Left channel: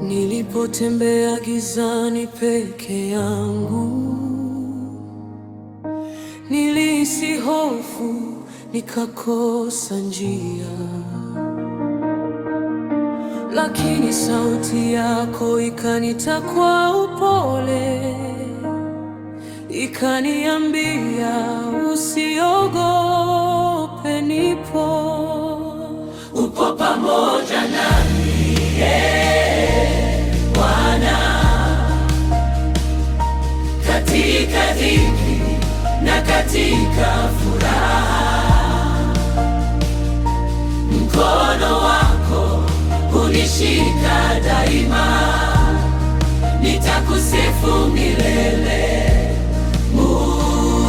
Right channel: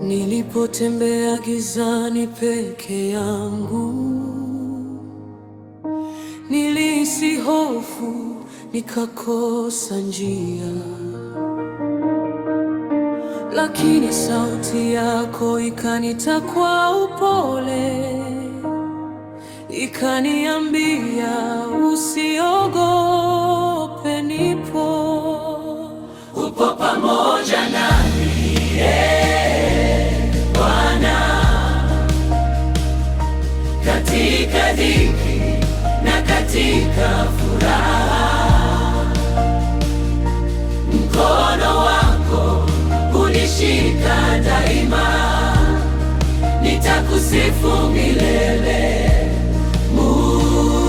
Nilipotembea gizani peke yangu, nilihisi hofu, nikakosa njia. Lakini sauti yako ikanita kwa upole, ikaniambia usiogope, upo pamoja nami. Katika dhiki na katika furaha, mkono wako hunishika daima. Nitakusifu milele, Mungu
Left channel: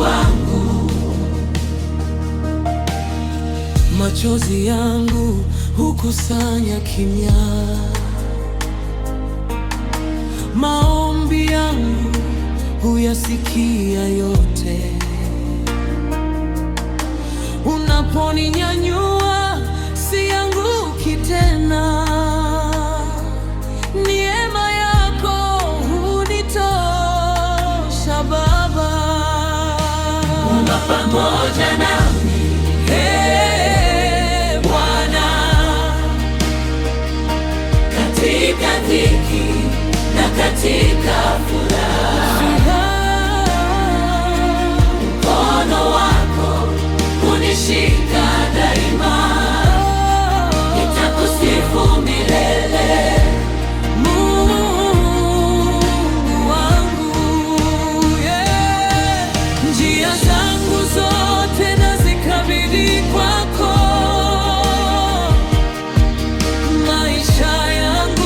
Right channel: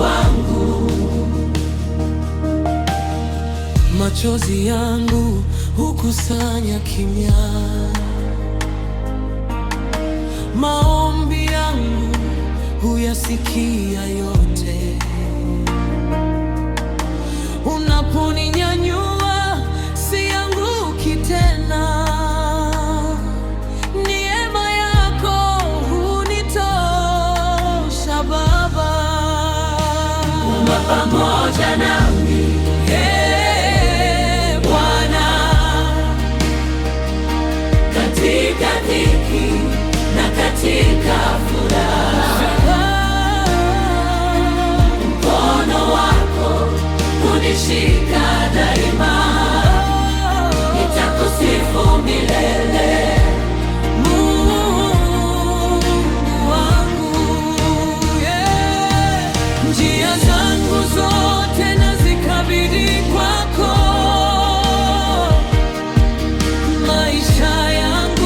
wangu. Machozi yangu hukusanya kimya, maombi yangu huyasikia yote. Unaponinyanyua sianguki tena, neema yako hunitosha Baba. Upo pamoja nami, Bwana, katika dhiki na katika furaha, mkono wako hunishika daima. Nitakusifu milele, Mungu wangu. Njia zangu zote nazikabidhi kwako, maisha yangu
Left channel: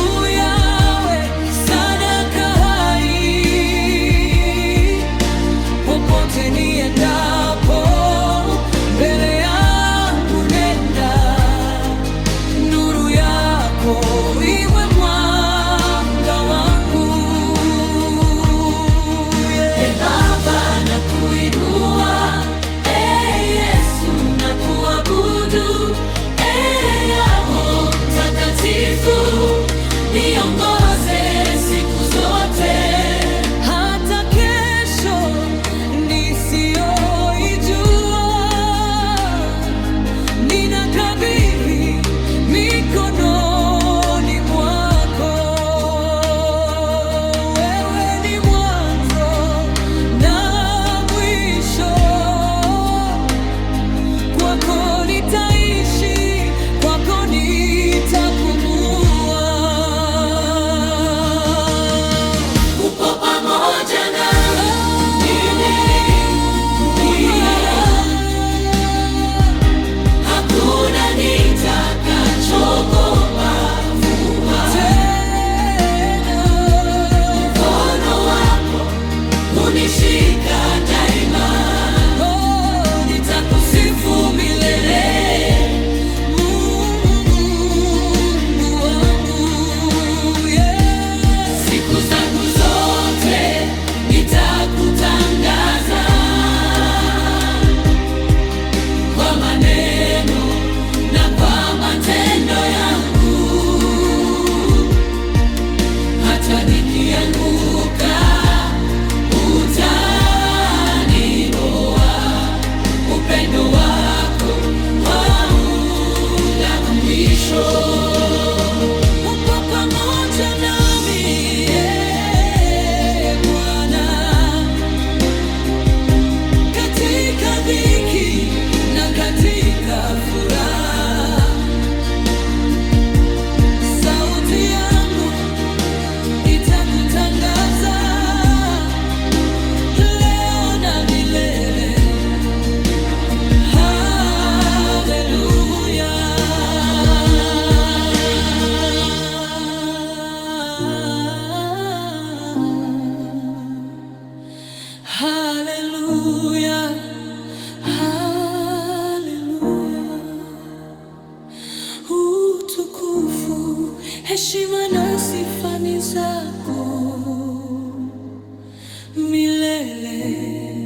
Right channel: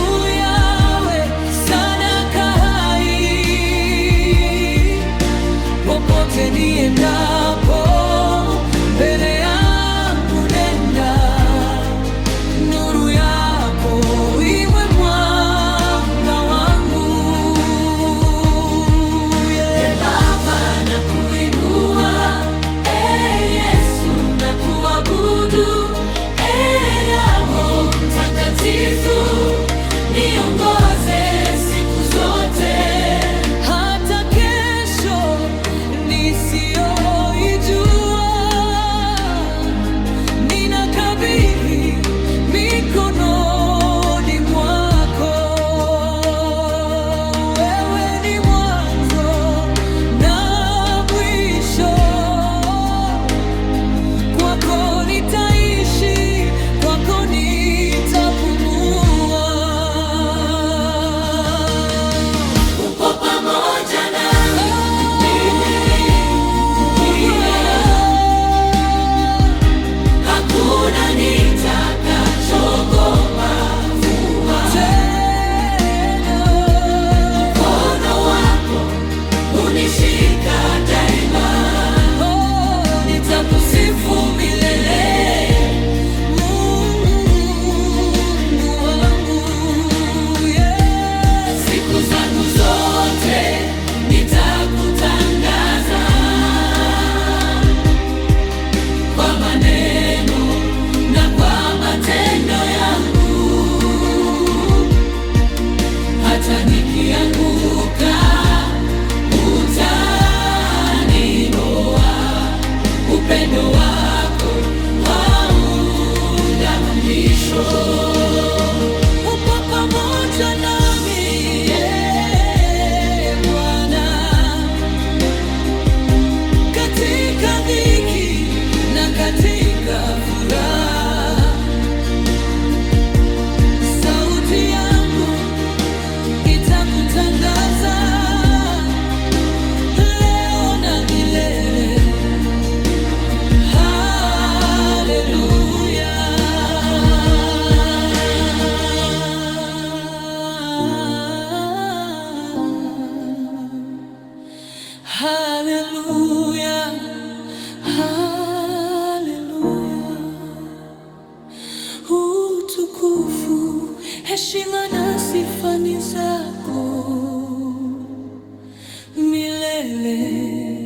popote niendapo, mbele yangu nenda. Nuru yako iwe mwanga wangu. Baba, nakuinua, Yesu, nakuabudu, Roho Mtakatifu, niongoze siku zote, hata kesho nisiyoijua. Ninakabidhi mikononi mwako. Wewe ni mwanzo na mwisho, kwako nitaishi, kwako nitapumua. Upo pamoja nami, katika dhiki na katika furaha, sauti yangu itakutangaza leo na milele. Haleluya, haleluya. kuwa sifa ni zako milele.